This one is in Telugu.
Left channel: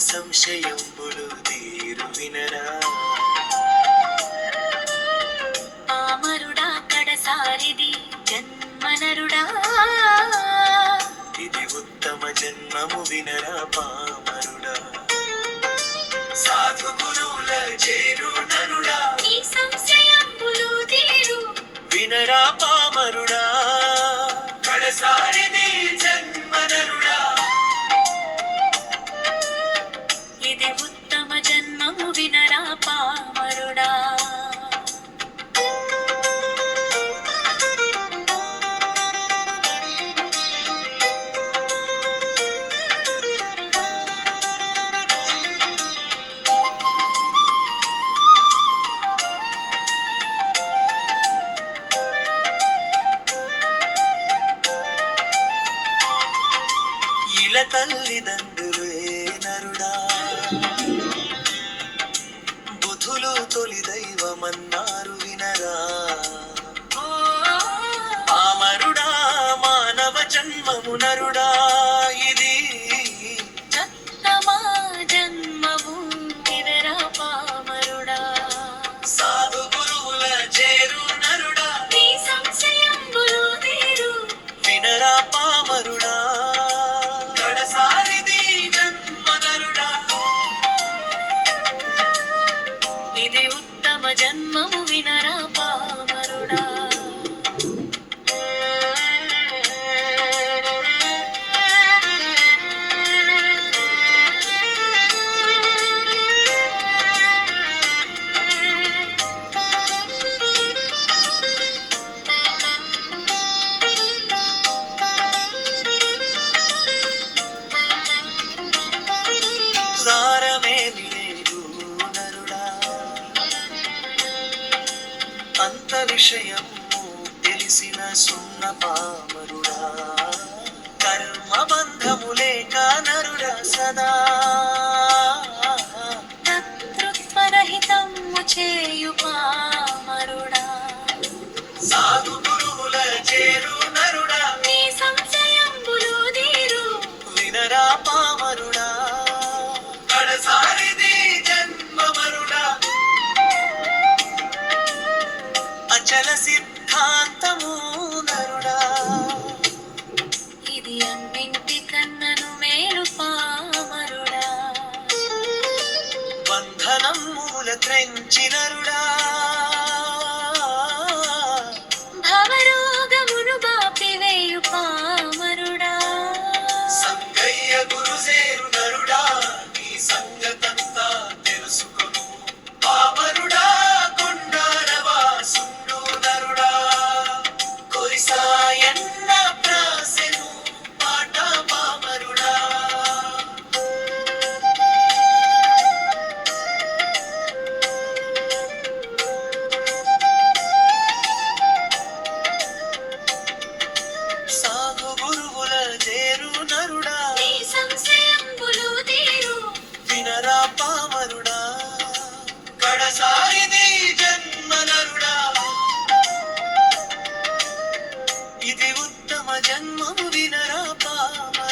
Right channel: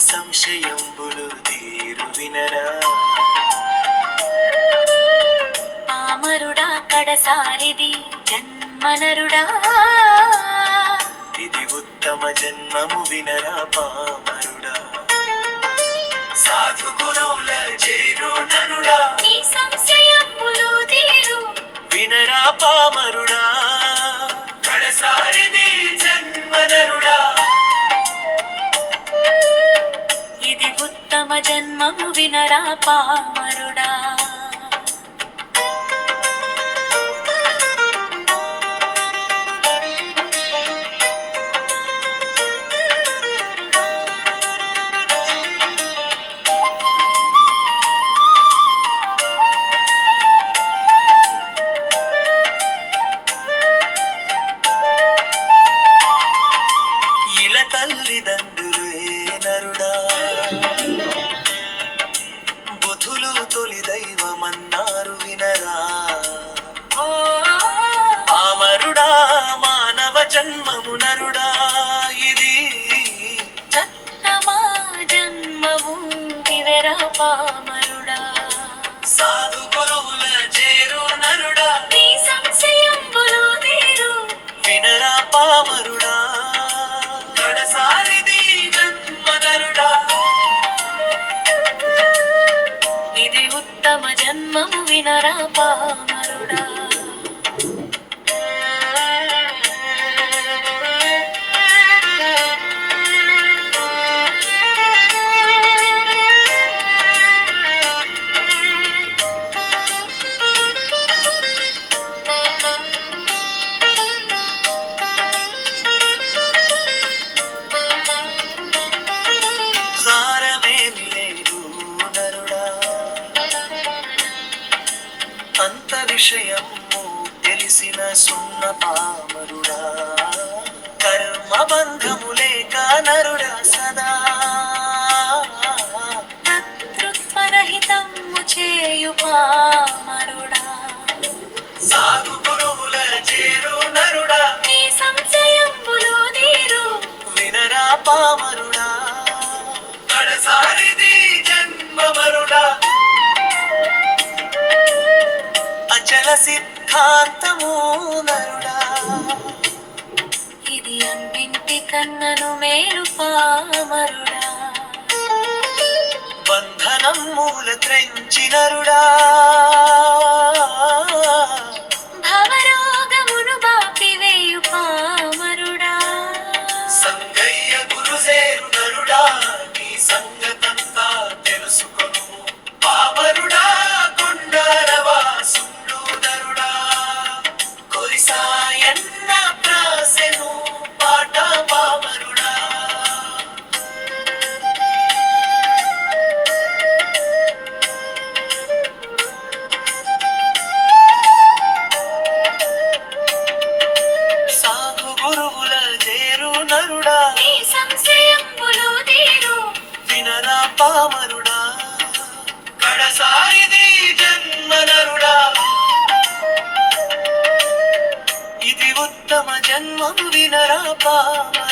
సంశయంబులు తీరు వినరా పామరుడా కడసారిది జన్మనరుడా ఇది ఉత్తమ జన్మము వినరా పామరుడా సాధు గురువుల చేరు నరుడా నీ సంశయంబులు తీరు వినరా పామరుడా కడసారిది జన్మనరుడా ఇది ఉత్తమ జన్మము వినరా పామరుడా తల్లిదండ్రులే నరుడా బుధులు తొలి దైవమన్నారు వినరా పామరుడా మానవ జన్మము నరుడా ఇది చత్తమా జన్మము వివరా పామరుడా సాధు గురువుల చేరు నరుడా నీ సంశయంబులు తీరు వినరా పామరుడా కడసారిది జన్మనరుడా ఇది ఉత్తమ జన్మము వినరా పామరుడా సారమేమి లేదు నరుడా అంత విషయము తెలిసిన సున్న పామరుడా కర్మ బంధము లేక నరుడా సదా కర్తృత్వరహితము చేయు పామరుడా సాధు గురువుల చేరు నరుడా నీ సంశయంబులు తీరు వినరా పామరుడా కడసారిది జన్మమరుడా అచల సిద్ధాంతము నరుడా ఇది అన్నింటి కన్నను మేలు పామరుడా బంధనం మూల త్రెంచినరుడా భవరోగమును బాపివేయు పామరుడా సంగయ్య గురుసేరు నరుడా నీ సంగతంతా తెలుసుకొను పామరుడా కొండారవా సుండు నరుడా కొరిసాయన్న ప్రాసెను పాట పామరుడా సాధు గురువుల చేరు నరుడా నీ సంశయంబులు తీరు వినరా పామరుడా కడసారిది జన్మనరుడా ఇది ఉత్తమ జన్మము వినరా పామరుడా